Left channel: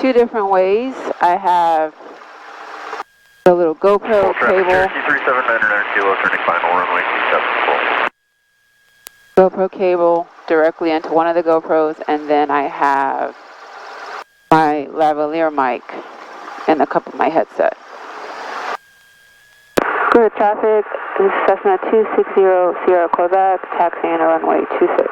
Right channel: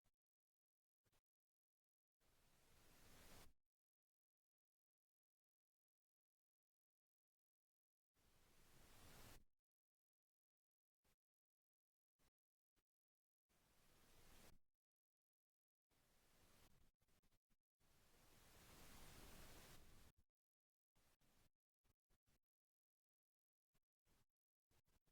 two different ways. I have the little GoPro cable. 379 kilo, turning final runway 27 GoPro cable directly into one of the GoPros, and then I have my lavalier mic in the cup of my headset. Good traffic, this is Cessna 260 Sierra Quebec, taxiing to runway 26.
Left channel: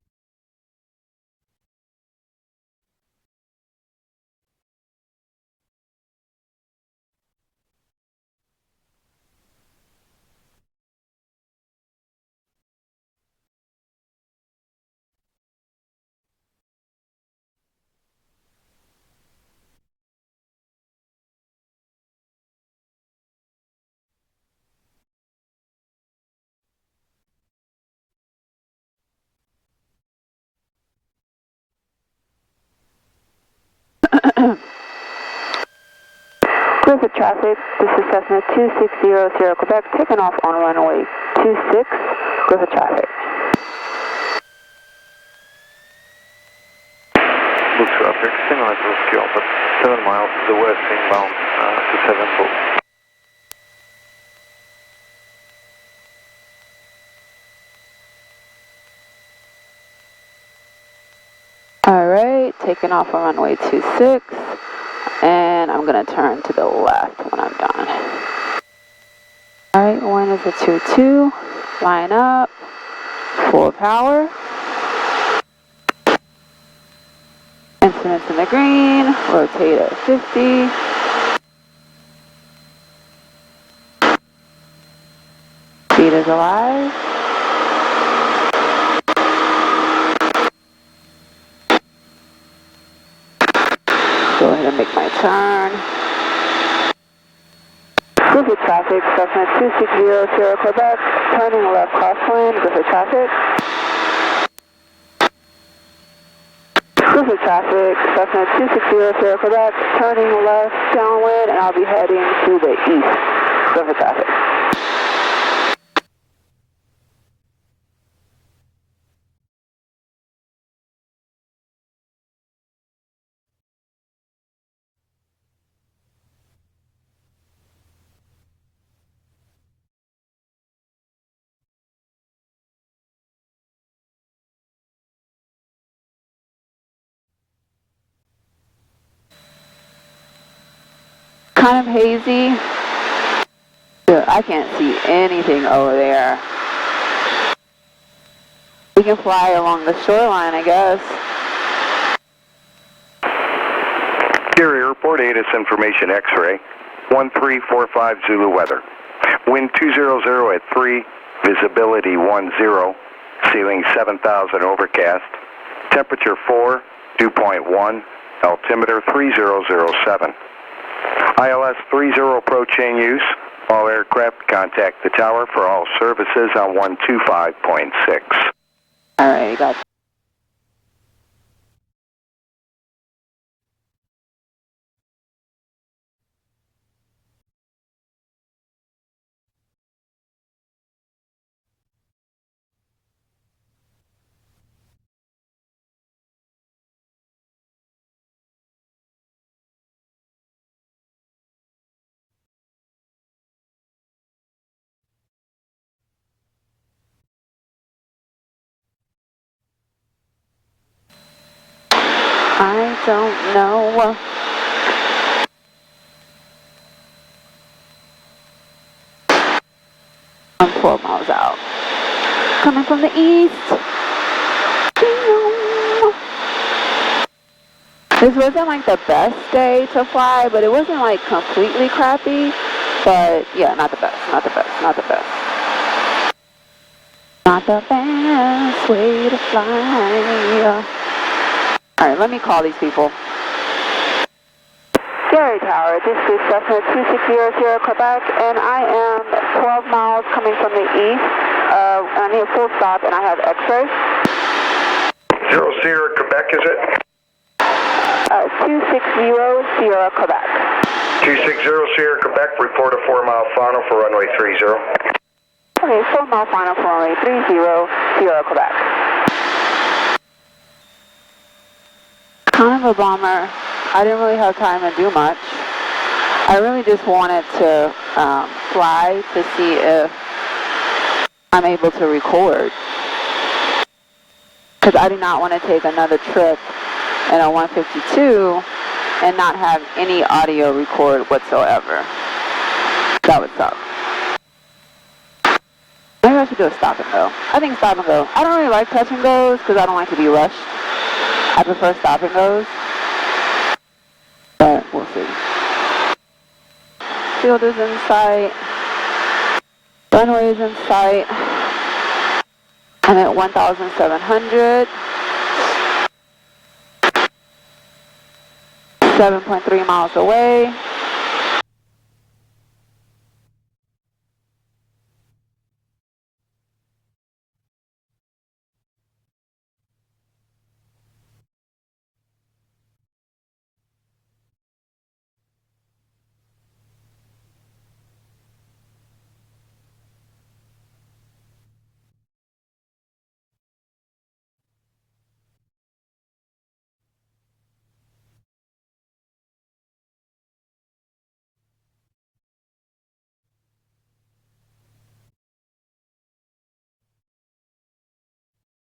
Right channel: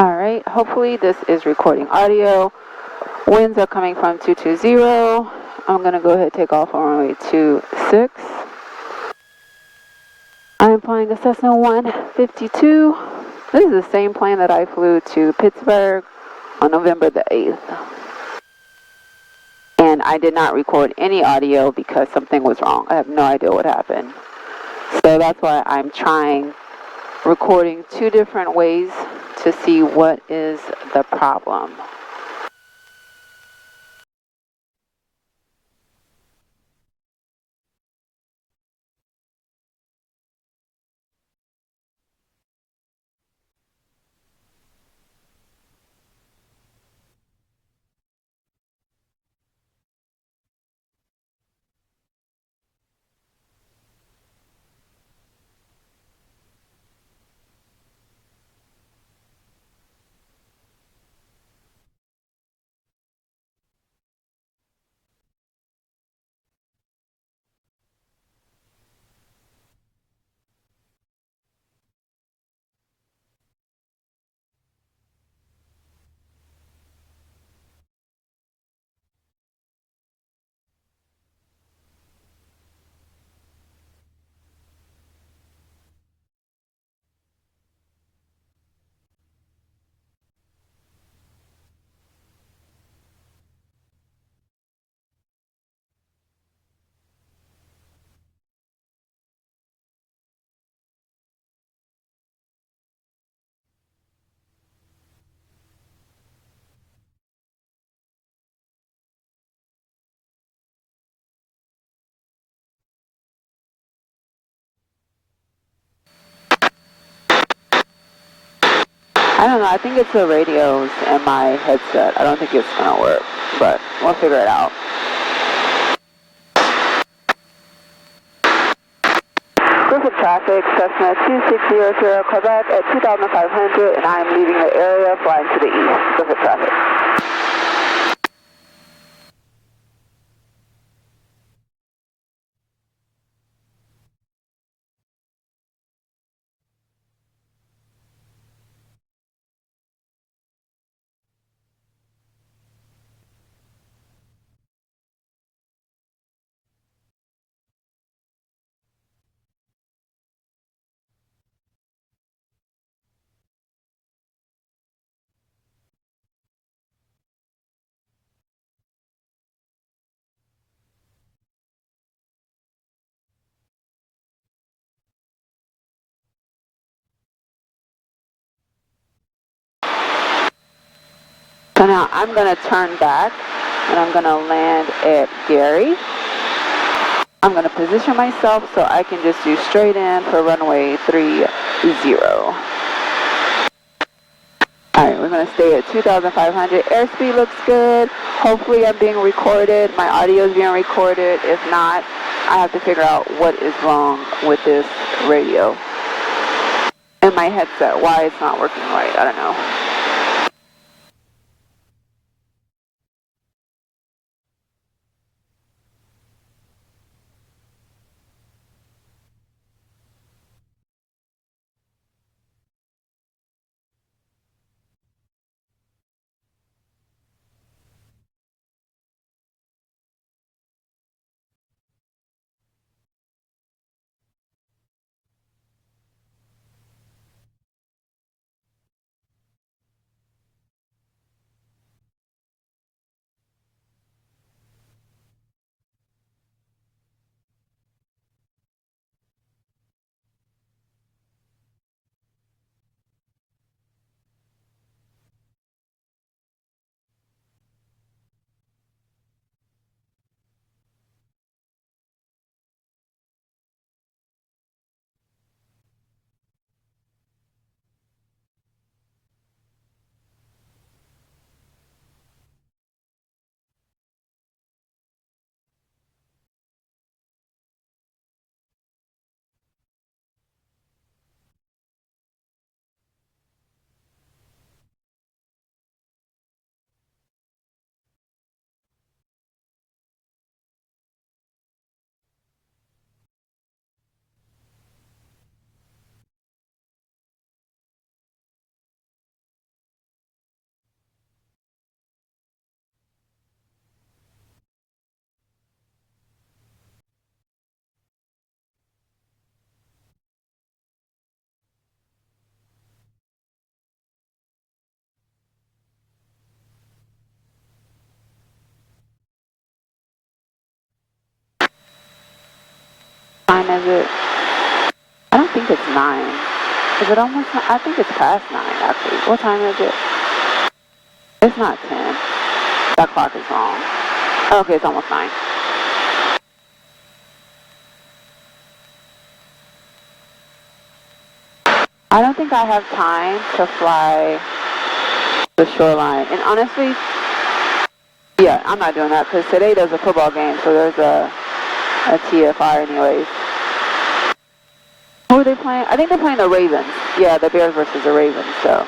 Alright, hopefully this is recording audio. Winds are coming from 220. I'm going to go ahead and take off on runway 26. I'm flying a Cessna 152. This is the same plane that I flew to Pittsburgh on November the 8th. And I did not record any audio because something was wrong. I have no idea what happened. So that's why I'm trying recording two different ways to see what is the problem. Griffith traffic, this is Cessna 260 Sierra Quebec, taking off on runway 26, Griffith traffic. Blue traffic, single level skill, but 7 miles to the west, inbound to 7 boat. Alright, taking off on runway 26, and I'm going to turn to the left when I'm done. Alright, wind is a 2-2, line up, full power. Instruments in the green, rotate at 50. Speed is alive. Go ahead and make my turn. Griffith traffic, Cessna 260 Sierra Quebec, turning left crosswind, Griffith traffic. Griffith traffic, Cessna 260 Sierra Quebec, turning left downwind, and I'll be heading to the east. Griffith traffic. I don't know, I think it's the radios and my headset. I don't think it's going to work, but we'll figure it out. Griffith traffic, Cessna 260 Sierra Quebec at 2,500, and I'm leaving the area, flying to the east. Griffith traffic. Kind of hazy. I can't see anything over there. We can fly along the shoreline, I guess. Carrier, report ATIS information X-ray, 1345 Zulu weather. Wind 200 at 3, visibility 10, ceiling 7,000 overcast, temperature 4, dew point 1, altimeter 3007. ILS 30 approach in use. All aircraft contact the tower for all services on 125.6. Alright, got it. So now I'm going to turn back and I'm going to land at Gary. I'm going to position myself so I can just do straight in for runway 30. Alright, we're going to stay at 2,500. Airspeed looks good. Hopefully I'm being recorded. My audio is being recorded. If not, I have to figure out what is wrong with this radio and my headset, why it's not working right. I don't know. I don't know. I'm 12 miles out. Coming from the east. This wasn't like the best day to fly, but it wasn't like completely crappy. But yeah, not the best, not the best, not the best. Not the best way to fly. Alright, let me call these people. Gary Tower, this is Cessna 260 Sierra Quebec, and I am 12 miles coming from the east. I need a full stop, and I have X-ray. 0 Sierra Quebec, is it? 260 Sierra Quebec. 260 Sierra Quebec, report a 4-mile final for runway 30. Okay, 4-mile final for runway 30, Sierra Quebec. Kind of a bummer. I didn't really have time to do much. I really just wanted to fly to see if I'm able to record. Because I do not want to take another trip in a 152 and not have any audio record whatsoever. That would suck. Maybe I should do a stop and go. I think stop and go. I don't really like touch and goes because I don't like to be rushed. I prefer stop and goes. But we'll see. Field is in sight. Runway is in sight. I'm at 1,700. 7.3 miles away. What time is it? I don't think it's 9. Is it almost 9? I think it's past 9 actually. What time is it? It's not 10. That clock is wrong. Okay, it's almost 9. I don't think I have time to fly the shoreline. And honestly, yeah, I'm not doing that because today there's a football game, so there's a TFR anyways. Who are they playing? I think they're playing the Ravens. Yeah, the Bears versus the Ravens, so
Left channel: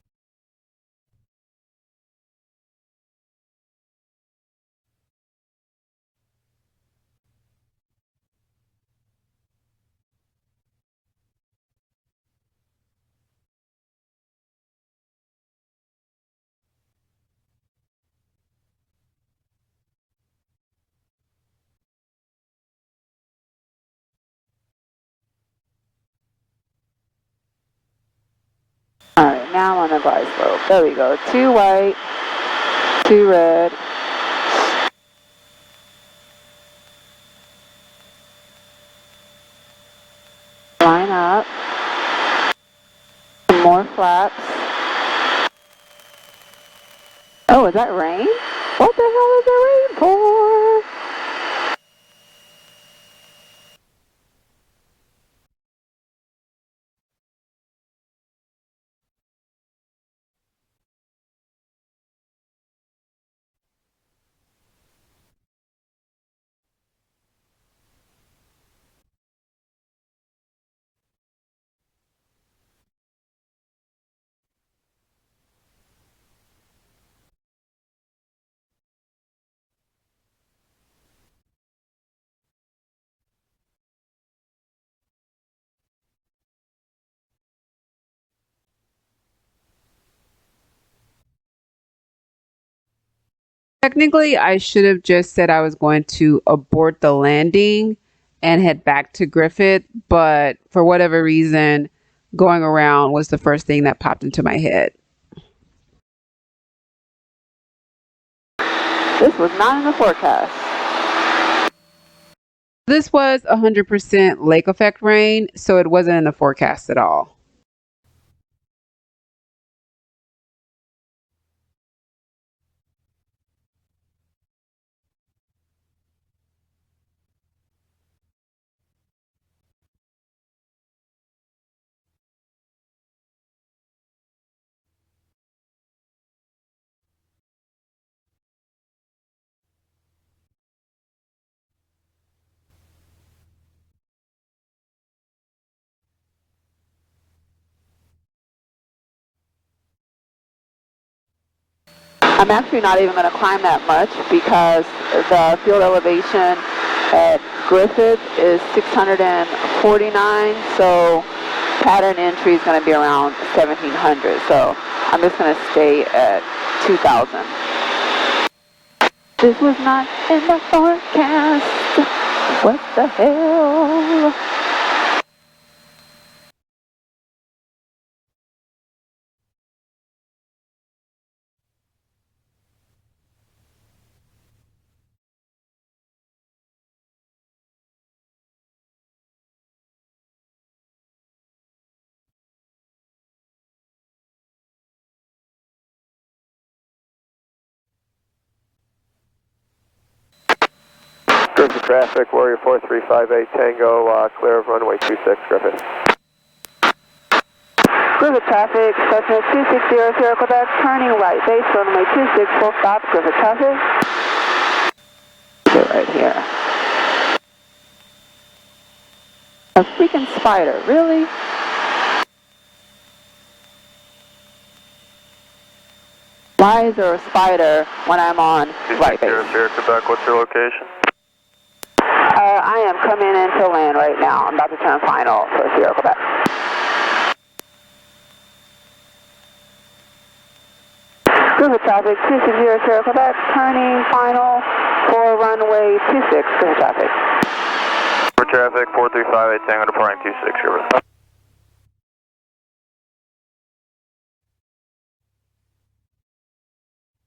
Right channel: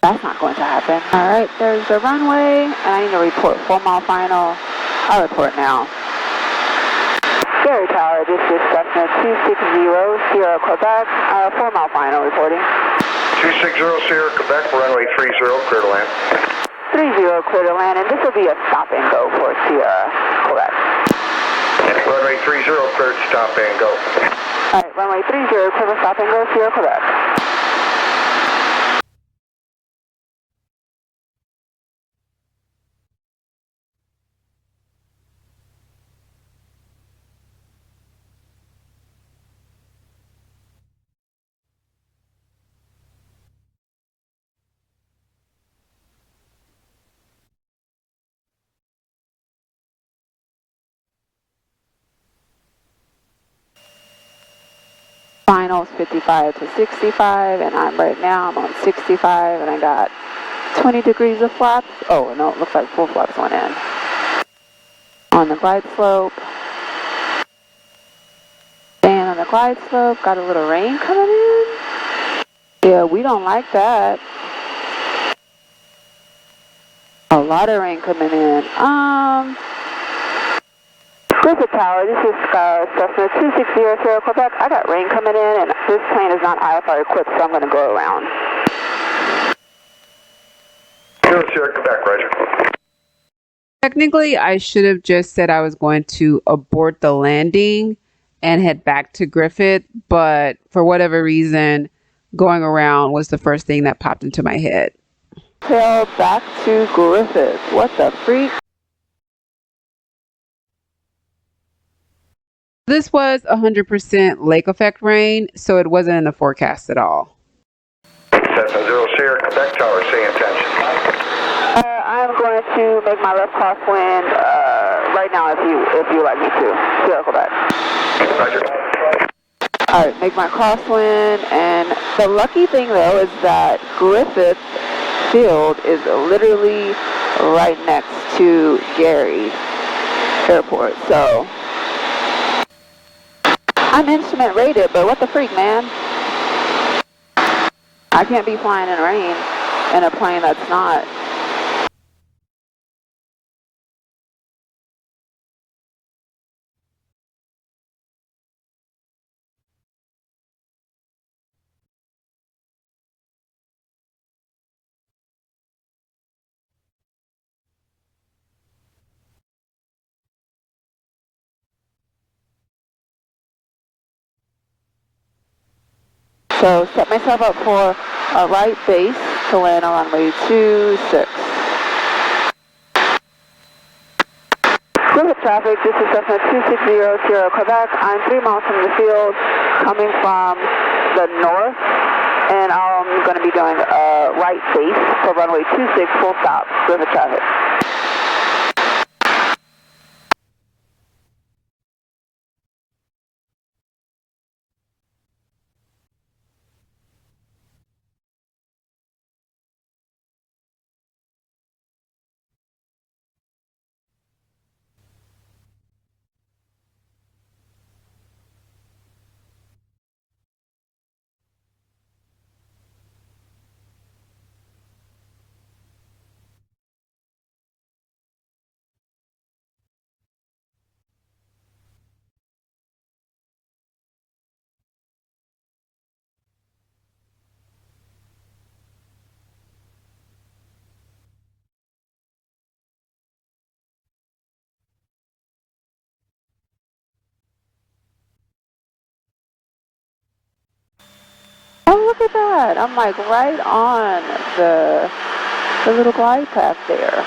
that's not going to happen. All right, there's the runway, and I need to report 4 mile final. I'll report now. Gary Tower, this is Cessna 260 Sierra Quebec, 4 mile final reporting. 260 Sierra Quebec, runway 30, clear to land. 30 clear to land, and this will be a stop and go for Sierra Quebec. Runway 30, cleared, stop and go. All right, runway 30, clear for stop and go, Sierra Quebec. All right, now I'm on the glide slope. There we go. 2 white, 2 red. Line up. Some more flaps. Oh, is that rain? What the hell is the rain for? Finals 55 to 65, and I'm on 65, and I got 20 degrees of flaps. Oh, no, it looks like full flaps went in. On the glide slope. Staying on the glide slope, got a little rain coming in. Yeah, we don't like that. A lot of rain coming in. Griffith Tower, this is Cessna 260 Sierra Quebec. I got rain coming in, and this plane is not IFR equipped, so I'm going to go around. Sierra Quebec, roger. Technically, I should have just said I was going to abort the landing and head back to Griffith, but for whatever reason, going around was the first thing that popped into my head. Tail back to Griffith. What the freak? This was not in the forecast. This was 100% lake effect rain, so it wasn't in the forecast at all. Cessna 0 Sierra Quebec Tower, say intention. I'm going to make my left crosswind right now if you like me to. Sierra Quebec. Roger. All right, make my crosswind, and the lucky thing though is that Griffith Field is literally right next to Gary Airport, so I'm instrument rated, but what the freak, man? I can't be flying in rain in a plane that's not. I'm actually not even going to climb that much because the field elevation at Griffith is 649, so pattern entry is going to be around 1700, so I'm just going to stay at 2000. This was not in the forecast. What the hell? So set myself up for a right base to land on runway 26. Griffith traffic, this is Cessna 260 Sierra Quebec. I'm 3 miles from the field, coming from the north, and I'm going to be doing a right base for runway 26, full stop, Griffith traffic. Griffith traffic, Warrior 4358 Tango, clear of runway 26, Griffith. Griffith traffic, Cessna 260 Sierra Quebec, turning right base, runway 26, full stop, Griffith traffic. Get right here. A freaking spider, really? Why is there a spider when I'm on right base? Sierra Quebec, what's your location? I am coming into land right now. I'm about to turn final for Sierra Quebec. Griffith traffic, 260 Sierra Quebec, turning final for runway 26, Griffith traffic. For traffic, 4358 Tango departing 26, Griffith. Oh, look at that. I'm like right on the little glide path there.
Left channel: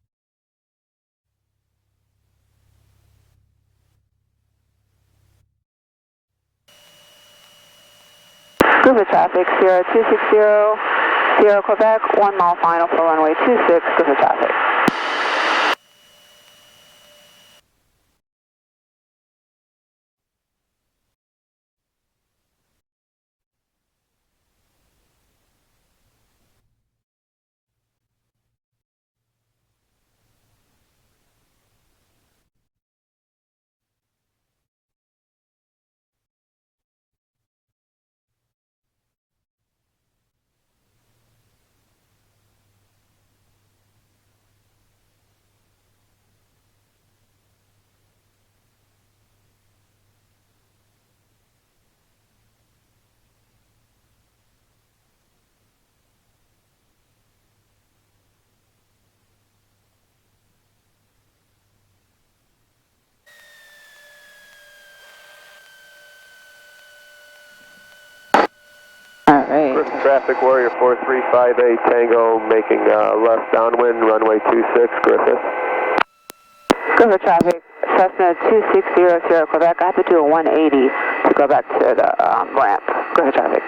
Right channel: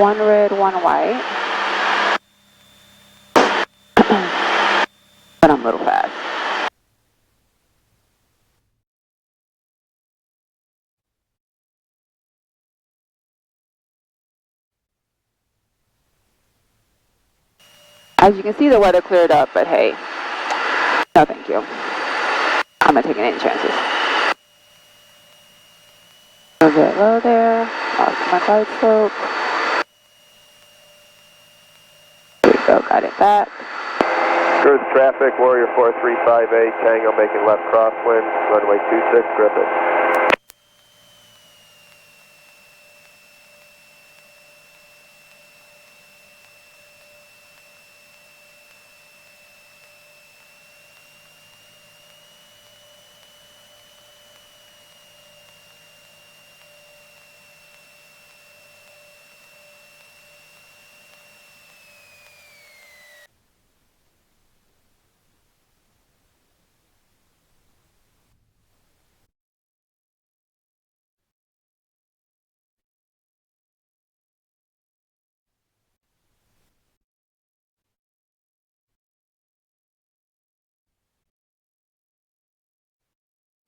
One red, one white. But I'm a little fast. Griffith traffic, Sierra 260, Sierra Quebec, 1 mile final for runway 26, Griffith traffic. As you can see, the weather cleared up, but hey, no thank you. I'm not taking any chances. A bit low there, lost my glide slope. There we go, got it back. Griffith traffic, Warrior 4358 Tango making left crosswind, runway 26, Griffith. Alright. Griffith traffic, Warrior 4358 Tango making left downwind, runway 26, Griffith. Griffith traffic, Cessna 260 Sierra Quebec. I have to do a 180 to go back to the ramp. Griffith traffic.